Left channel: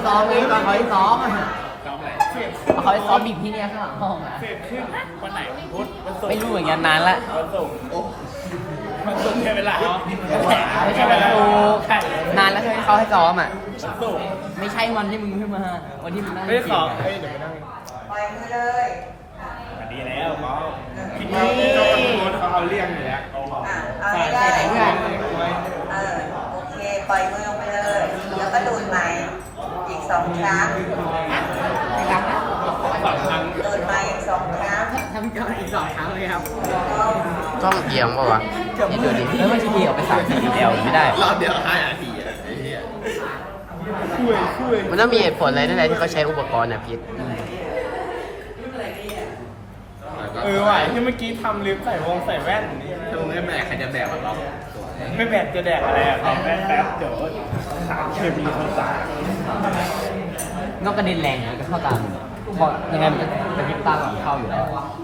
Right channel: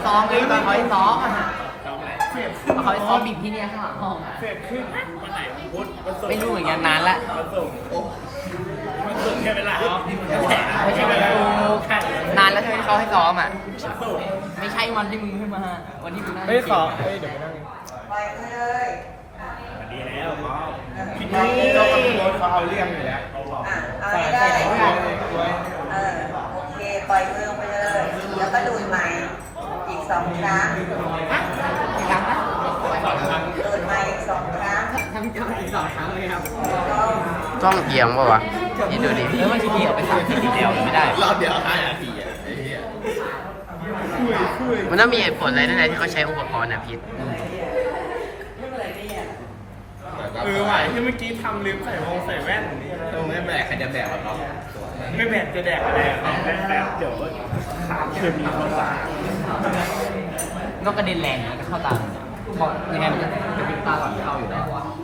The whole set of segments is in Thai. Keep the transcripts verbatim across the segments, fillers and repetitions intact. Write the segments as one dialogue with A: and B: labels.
A: ซ้อมเลยไปซ้อมเขาซ้อมบิดที่นี่ข้างหลังห้องเสร็จขึ้นวันไหนพุธวันศุกร์ไม่รู้อย่างนานละวันศุกร์โอ้วันศุกร์ใช่เวลาไม่ใช่เวลานานแล้วใช่ไหมเขาให้ซ้อมอ่ะไม่ใช่วันที่มึงขึ้นมาวันที่มึงนั่งเฮ้ยขอเฮ้ยเดี๋ยวไปนั่ง
B: ไปเลย
C: ดีแล้วหมอพี่
A: นี่เราก็รถเขาเอาเรียงอยู่แล้ว
B: อ่ะเอาให้ได้เออโอเคปล่อยมือลงไปเลยแล้วก็ดูดใหม่อีกสองครั้ง
A: ฮะอีกครั้งนะ
C: สองครั้ง
B: ดูดใหม่อีกสองครั้ง
A: ทำก็อีกสองครั้งเลยครับ
D: ต้องเอียงป่าวะ
A: นี่ดูดิที่ไม่ใช่เดียวเดียวไม่ได้
C: รอบเดียวห้านาทีอ่ะไอ้เหี้ย
D: มันต้องมีเหตุผลอะไรนั่นแหละที่เขาใช้อุปกรณ์นะพีท
C: เออว่ะที่เมื่อกี้ทำลิฟต์ใส่วงใส่แว่นนี่ถ้ามึงไม่แบกใครจะแบกแบบเราไม่แบกจะแดกอะไรอ่ะแบกแบกเดี๋ยวขาเชื่อมีคนตาย
A: ก็กระเด็นแรงเลยก็เข้าตาบอกยังไงมันจะเป็นตาของเขาอยู่แล้ว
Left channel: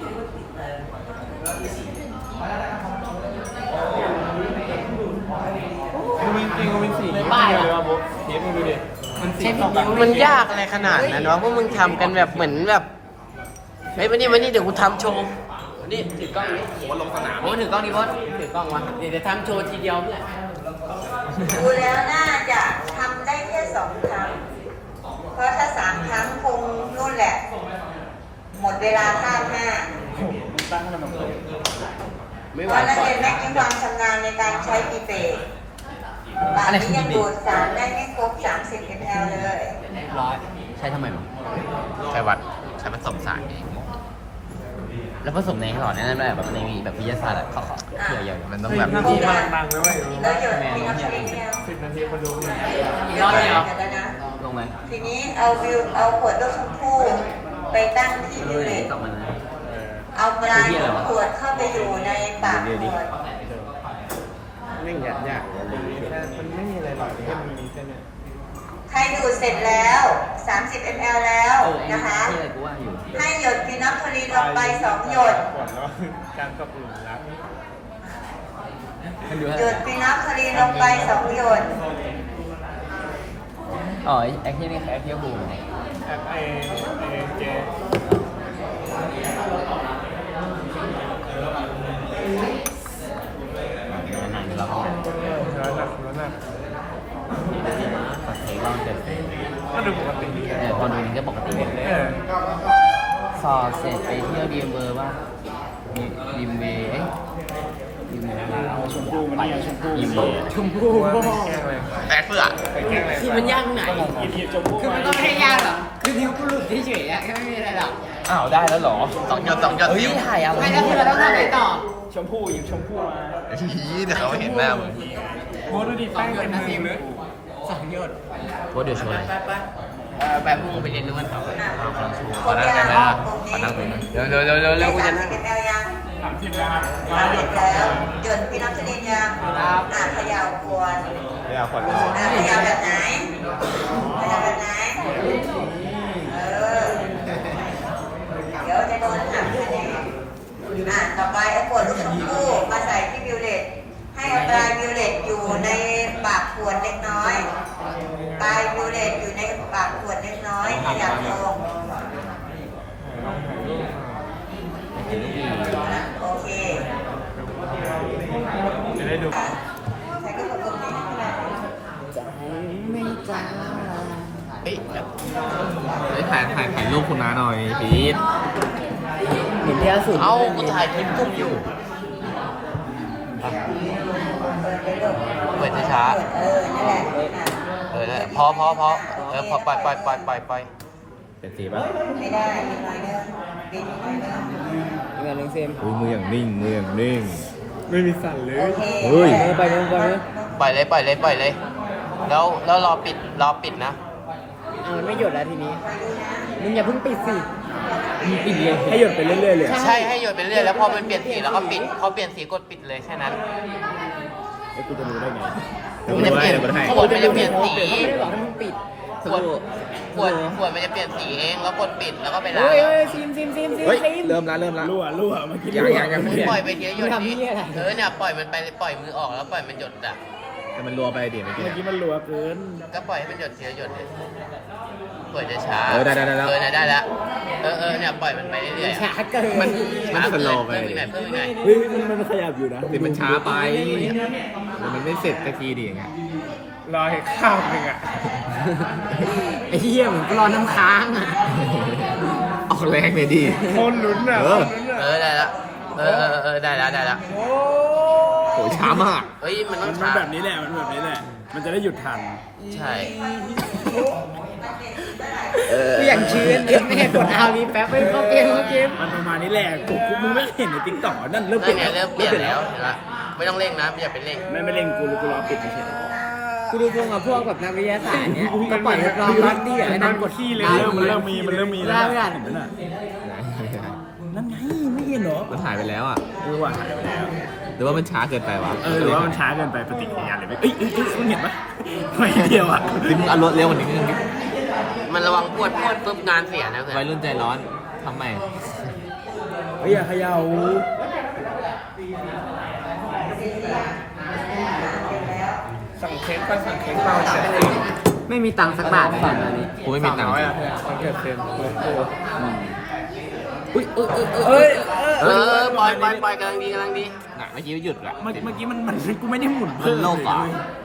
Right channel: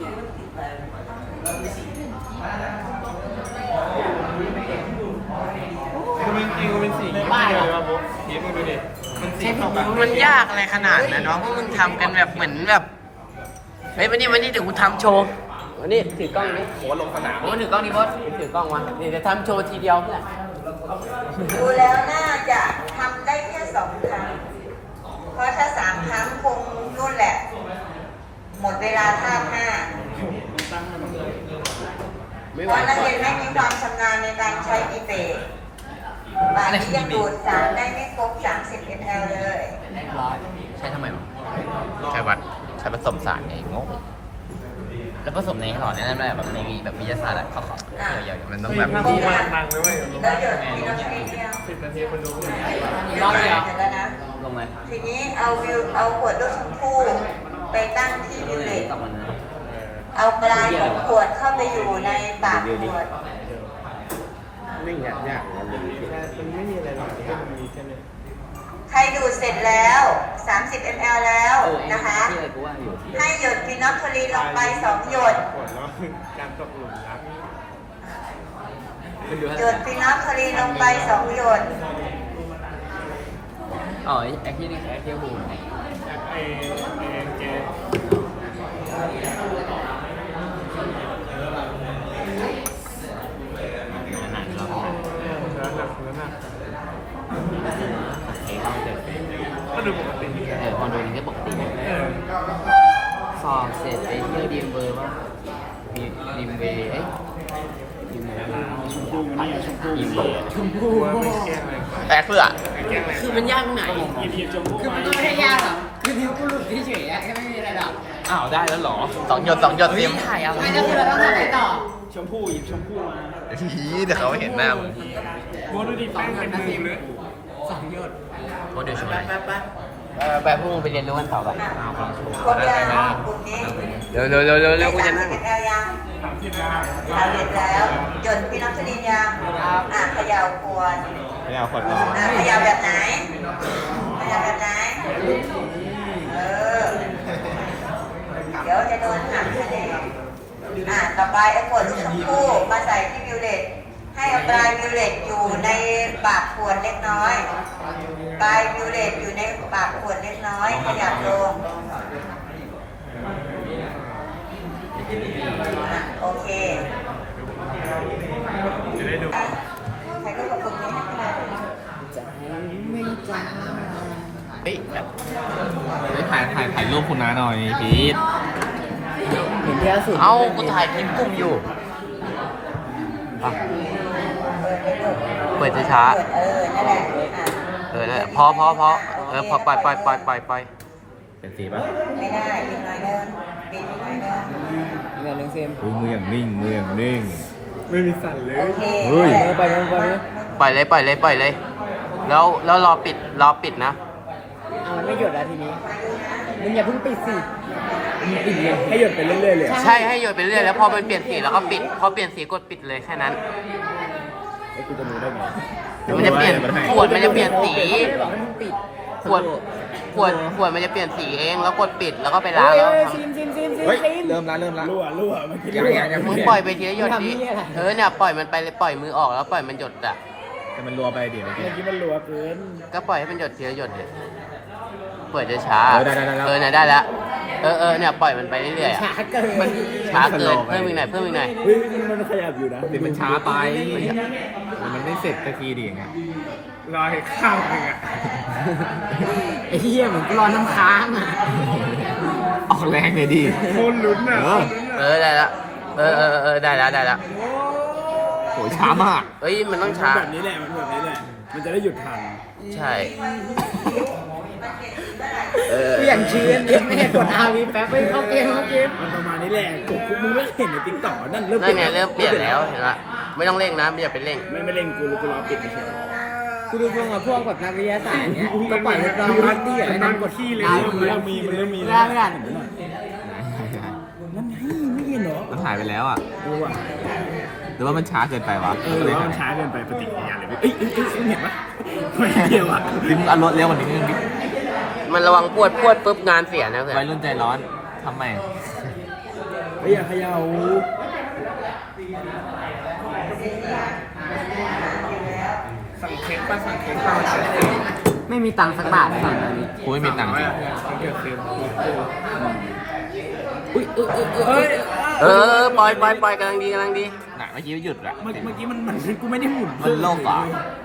A: ป้ายอะ
D: ใช่มันยากอะไรขนาดนั้นวะพวกมึงทำกันแบบเหมือนแบบเฮ้ยวันนี้วันนี้เดี๋ยวกูทำโชว์วันนี้ถือกล้องโหลงสนาม
A: นี่ถือกล้องนี่โค้ชถือกล้องมาเดี๋ยวจะทำโชว์ทีเดียวนี่แหละ
B: ดูแล้วน่าจะทำได้แค่สองครั้งเพราะถ้าสามครั้งคงนู่นแหละหมดเวลาท่าห้า
D: ไม่ไห
B: วนักเรียนไม่มีความชำนาญในการใช้กีเบรบางที่ยังดูดสารได้ไม่ครบสามสิบมิลลิลิตรเลย
A: ร้อยใช้ทำไม
D: ใช้วัดใช้ผสมสาร
A: แล้วผสมในหลอดนั่นแหละในแบบวิทยาศาสตร์เขา
D: มันต้องแบบ
B: วิธีแล้วหยดมีน้ำชนิดเดียว
C: สิบนาทีคนรู้เลย
A: รอบเดียว
B: ลงไหมทีนี้เอาวิวเอาขวดลูกชมพู่ไปตั้งที่วิวเลตเอาปลายของขวดเข้าไปอยู่ในปากขวด
D: ไม่ยากยากเลย
B: ใครดูดเสร็จแล้วสามสิบมิลลิลิตรแล้วนะคะให้หยดฟีนอลโคลีนลงไปสองหยดหยดฟีนอลโคลีนลงไปสองหยด
A: อ๋อแอคที่นี่แอคเที่ยวบูมคนดูก็ปกติสอบเสร็จไปเที่ยวดีมเบอร์ว่าดีมเบย์ดีมเบย์
C: ชมพูมันนี่ชมพู
A: ชมพู
D: แอกเพื่อ
A: คือมันยากตรงไหนคือมันต้องแค่ยากแบบคือนิ้วกูหลุดเฉยๆอะแค่ไม่มีอะไรหรอก
C: อ้าวได้แล้วหรอ
D: สองหยดสองหยดเต็ม
A: ไม่ก็คือเราต้องทำอะไรต่อ
C: ชมพูหยิบชมพูมา
D: ฮีเดี๋ยวเขาไม่เห็นหน้ามึง
A: บูดูดิสองหยดนะซิมสองหยด
D: บูดูสิ
A: แบบพวกไปเรียนรู้กันต่อไป
B: ครบยังกลุ่มนี้
D: เร็วเร็วเร็วเร็วเร็วกู
B: จะ
D: จะนั่ง
B: ยังเอาเด็ดแล้วหยดฟีนอลโคลีนยังอ่ะเขย่าขวด
C: เขย่าขวด
B: อ่ะเขย่าแบบไหนเขย่าแบบไหนเออเดี๋ยวจะโดนหักคะแนนอ่ะต่อไปเอาขวดลูกชมพู่มาใส่ที่วิวเลตให้เอาปลายวิวเลตอยู่ในปากขวดเล็กน้อยปลายวิวเลตอยู่ในปากขวดเล็กน้อยขยับลงโอเค
C: จะได้ดู
B: ใช้รูปกับกลุ่มนี้ให้ได้
A: ใจไม่จ้า
D: เฮ้ยแบบ
C: เฮ้ยถ่ายถ่ายถ่ายรูปคุณน้าหน่อยพีท
A: เหมือนที่ล่าสุด
D: เอ้ากูถ่ายคลิปกุ้งอยู่เปิดช้า
B: เออนั่นแหละ
D: เออนั่นพอพอพอเออพอปล่อยปล่อยปล่อยปล่อยปล่อย
C: เป็นสีป่ะ
B: ไม่ได้เป็นไรเดิมเป็นไรเดิม
A: เงินเรื่องเซม
C: มืออย่างนิ่งมืออย่างนิ่งไม่มีสั่นเลย
B: เฮ้ย
A: ไปไปไป
D: ปล่อยเลยปล่อยเลยปล่อยเลยแล้วแล้วรอปิดรอปิดนะ
A: อ่ามันไม่หยดแล้วทีนี้มึงอย่าเพิ่งปิดสิมึงปิดเลยให้หยดไปเรื่อยๆเลย
D: ใช่ให้หยดไปเรื่อยแล้วพอมันเปลี่ยนสีแล้วก็ปิดพอเปลี่ยนสีกดปิดเลยแค่นั้น
C: ไอ้กูจะรู้ได้ไง
D: มันจะเปลี่ยนขวดมันจะเปลี่ยนสี
A: ไม่ได้บอกให้มึงปิด
D: ขวดขวดขวดมันจะเปลี่ยนสีเองแล้วกดปิดแล้วก็ไปล้างแล้ว
A: ซิมซิมซิมซิม
C: ซิมเริ่มละเริ่มละรั่วรั่วมันคืออย่างอย่าง
D: มึงปล่อยไปทีละหยดดิเออเนี่ยปล่อยมันไปปล่อยมือออกแล้วปล่อยมันหยดอ่ะ
C: แต่มันรัวไปดิเมื่อกี้เมื่อกี้มันรัวเกิน
D: ก็ปล่อยให้มันหยดทีละหยดเลยเปิดจะช้า
C: เออได้ได้ได้แล้ว
D: เออเนี่ยได้แล้วเออเออเนี่ยปล่อยมันไปเรื่อยๆอะ
A: ช้าเกิน
D: มันช้าเกิน
C: มันสโลว์ไป
D: เพิ่มอีกหน่อยเพิ่มอีกหน่อย
C: เฮ้ยมันมันขยับอยู่นะแต่มันช้าไปแต่มันไม่เสร็จสักทีดิอย่างเงี้ย
E: รอให้ข้าวหนึ่งอ่ะ
A: ไอ้เหี้ยเหมือนกูรอน้ำค้างอ่ะ
C: ออกแรงเลยดิ
E: โคนลุ้นอ่ะ
C: เออ
D: เออได้แล้วเออเออเออได้แล้วได้แล้ว
C: โหช้ามาก
D: เฮ้ยมันต้อง
E: มัน
D: ช้า
E: แบบนี้แหละ มันแบบนี้แหละ มันจะได้หยุดทัน
D: ใช่
A: กูอย่างชื้นแม่กดอาวีแป๊บไม่เข้าเกมเข้าเกม
E: มันประมาณนี้แหละกูกูมึงไม่เห็นในติ๊กต็อกนั่นเริ่ม
D: นั่นไงเริ่มเปลี่ยนแล้วเห็นปะไม่ต้องเร่งนะไม่อยากเป็นเร่ง
E: ไม่ไม่เล่นกูกูรอปิดเฉย
A: กูดูพวกกับพวกแบบนักวิทยาศาสตร์เนี้ยก็ปล่อยรอรัดดี้อะไรนั่งกด
E: ขี้เลย
A: อา
E: เริ่ม
A: วี
E: เริ่มมีมันเริ่มมี
A: ได้ไม่ได้
E: เห็นไหมน่ะนั่นไงไม่เห็นเหรอ
C: มันหายไปแล้วอ่ะ
E: กูว่า
C: หรือว่ามันช้าเกินไปวะ
E: เออหรือว่ามันช้าเกินไปปฏิกิริยาเลยเอ้ยเอ้ยเอ้ยมึงเห็นปะไม่เดียวอ่ะ
C: ดิมงเอารถเร็วกว่านี้นึงดิ
D: มันระวังปวดปวดปุ๊บงานเสียนะเพื่อ
C: วัย
D: น
C: รุ่นใจร้อนทำไม
E: เฮ้ยอย่าเขย่า
A: สั่งเค้กก็สั่งเค้กก็ไม่มีตังค์สักบาทเลยตอนนี้
C: กูไม่มีตังค์จริง
E: มันเกิดเต็ม
A: อุ้ยเออเออเออ
E: เฮ้ย
D: เออปล่อยปล่อยปล่อยกำลังดีกำลังดี
C: น่ะเมื่อกี้หยุดละ
E: เมื่อเมื่อกี้มันมันกูไม่ได้หมุน
C: มันโลกเหรอ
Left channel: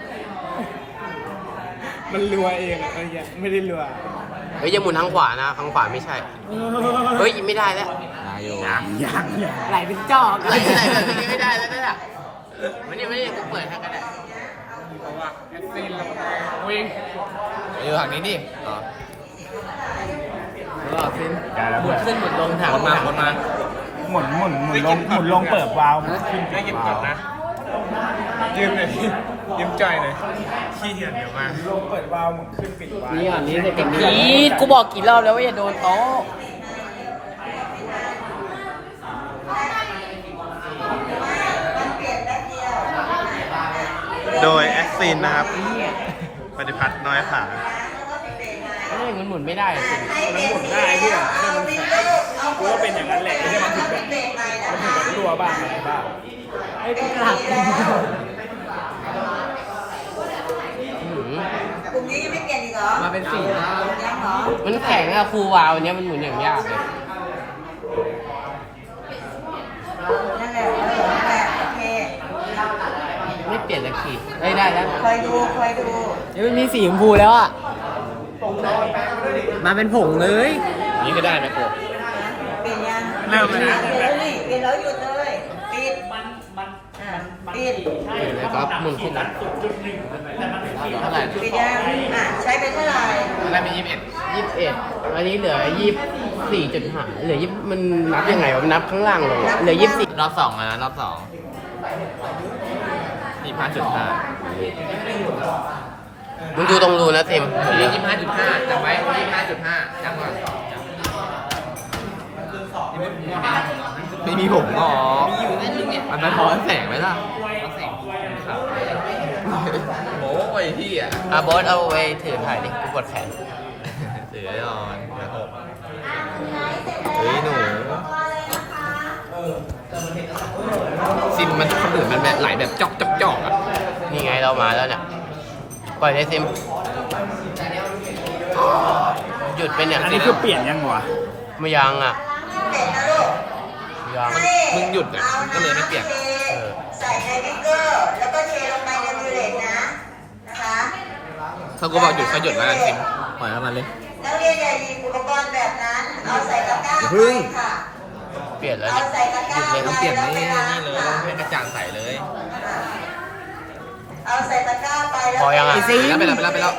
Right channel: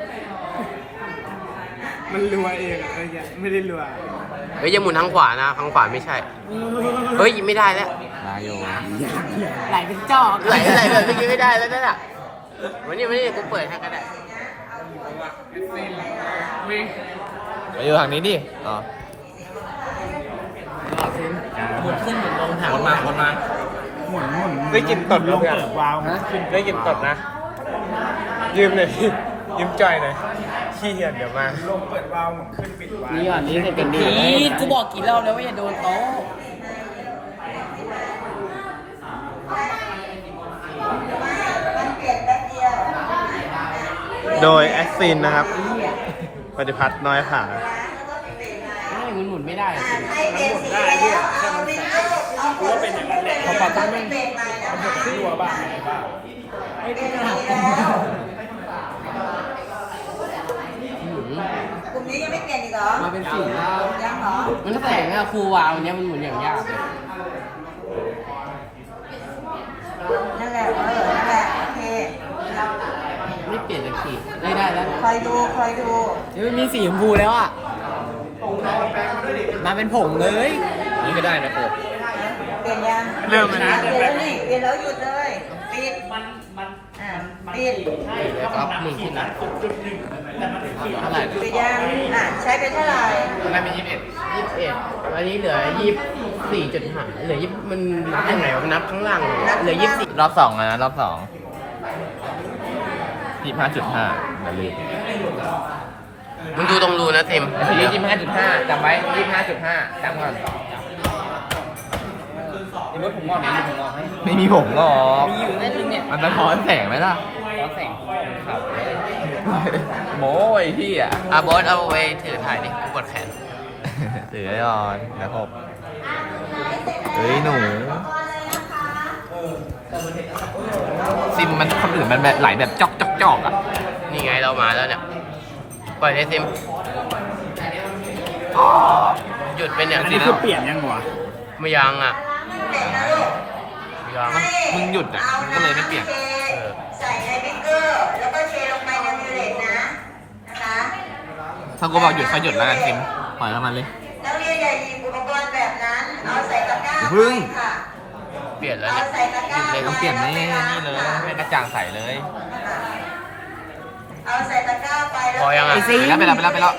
E: มันรัวเองอะไอ้เหี้ยไม่ได้รัว
D: เฮ้ยอย่าหมุนทางขวานะทางขวาไม่ใช่ เฮ้ยไม่ได้แล้ว
C: นายโย
E: อยากอยาก
A: ไหลเป็นจอก
D: ไหลไหลแบบเมื่อกี้ไม่ได้แล้วนั่นแหละวันนี้วันนี้กูเปิดให้กันได้
C: เออทางนี้ดิอ๋อ
A: หมุนขึ้นหมุนลงถาม
C: วนมาวนมา
E: หมุนหมุนได้กินตดลงเปิดวาล์วได้กินตดนะยืมเลยยืมจ่อยหน่อยขี้เกียจเดี๋ยวมาเปิดวาล์วหมุนขึ้นปิดวาล์ว
A: นี่ก่อนนี่จะเป็นพีทกูบอกกี่รอบแล้วว่าอย่าโดนโต๊ะ
E: โดยแอคซินนะครับ ปฏิพัฒน์น้อยผา
A: ไม่มันหมุนไม่ได้อะสิ
B: ให้เบสิกแล้วเอาวินโดว์เอาหัวเป็นอย่างนั้นแหละแล้วก็เป็นเบรกใหม่นะคะ
A: ไอ้กูหลัก
B: กลุ่มนี้ยังไม่เปลี่ยนอีกเหรอ
A: มาเป็นสี่แล้ว
B: ยังเหรอ
A: มันแข็งอะครูวาวเนี้ยมันหมุนอย่างยากเลย
B: นั่นแหละเออนั่นแหละโอเค
A: ไม่เปลี่ยนสักทีได้ได้แล้ว
B: คอยดูคอยดู
A: เดี๋ยวมันมีสีชมพูแล้วอ่ะมาเป็นผงเลย
C: นี่ก็ได้นะโก
B: เปลี่ยนยัง
E: เริ่มมัน
B: เปลี่ยนแล้วนี่เปลี่ยนแล้วหยุดเลยปิดอ่าปิด
A: ครับหมุนขึ้นนะเท่าไหร่
B: ปิดยังอ่ะใช้ไปเท่าไหร่
C: ตอนแรกมียี่สิบเอ็ด
A: ยี่สิบเอ็ดอันนี้เหลือยี่สี่จุดห้าเหลือยี่มันนับยังไงวะมันนับข้างล่างเลยอะเหลือยี่สิบ
C: รอบสองนะรอบสองยี่สิบห้าจุดห้า
D: มึงดูตรงรูนะเต็มเหมือนเดิม
C: ยี่สิบห้าจุดห้าจำไว้ยี่สิบห้าจุดห้าจำไว้ไม่มีผมหรออันนั้นร้อนแสงไหมล่ะร้อนแสงโอ้ยพี่อ่ะ
D: อ่ะบอสเอาไว้ถือถ่ายดิกูปวดแขน
C: เหลืออ่อนเหลือหกเฮ้ยหนูซิมมันคนอื่นมันแบบไหลแบบจอกจอกจอกอ่ะ
D: นี่ไงเรามาแล้วเนี่ยปล่อยเลยซิมหยุดเป็นอย่าง
E: อันนี้คือเปลี่ยนยังวะ
D: ไม่ยังอ่ะ
B: เปลี่ยนนะลูก
D: ไม่ยัง
C: มึงหยุดอ่ะ
B: เอา
C: ก็เลยไม่
B: น้ำ
C: เปลี่ยน
B: เทใส่ในบิ๊กเกอร์ แล้วก็เทลงไปในมิลเลตนะนะคะ
C: ถ้ากูบอกหยุดก็หยุดแล้วกันซิมปล่อยแล้วมันเลย
B: นักเรียนอย่าหยิบอุปกรณ์แบบนั้น เอาใส่ตะกร้า
C: อย่าพึ่ง
B: ไปค่ะ
D: เปลี่ยนแล้ว
B: เอา
D: เนี่ย
B: ใส่ตะก
C: หยุ
B: ร้า
C: ดเลย
B: ไป
C: ต้องเปลี่ยน
B: แล้ว
C: นี่
B: ไปล้าง
C: นี่เลย
B: ค่ะ
C: ให้กระจ่างใสเลย
B: เอาใส่ตะกร้าไปแล้ว
D: พอยังอ่ะ
B: ไป
C: ไปแล้วไปแล้วไปแล้ว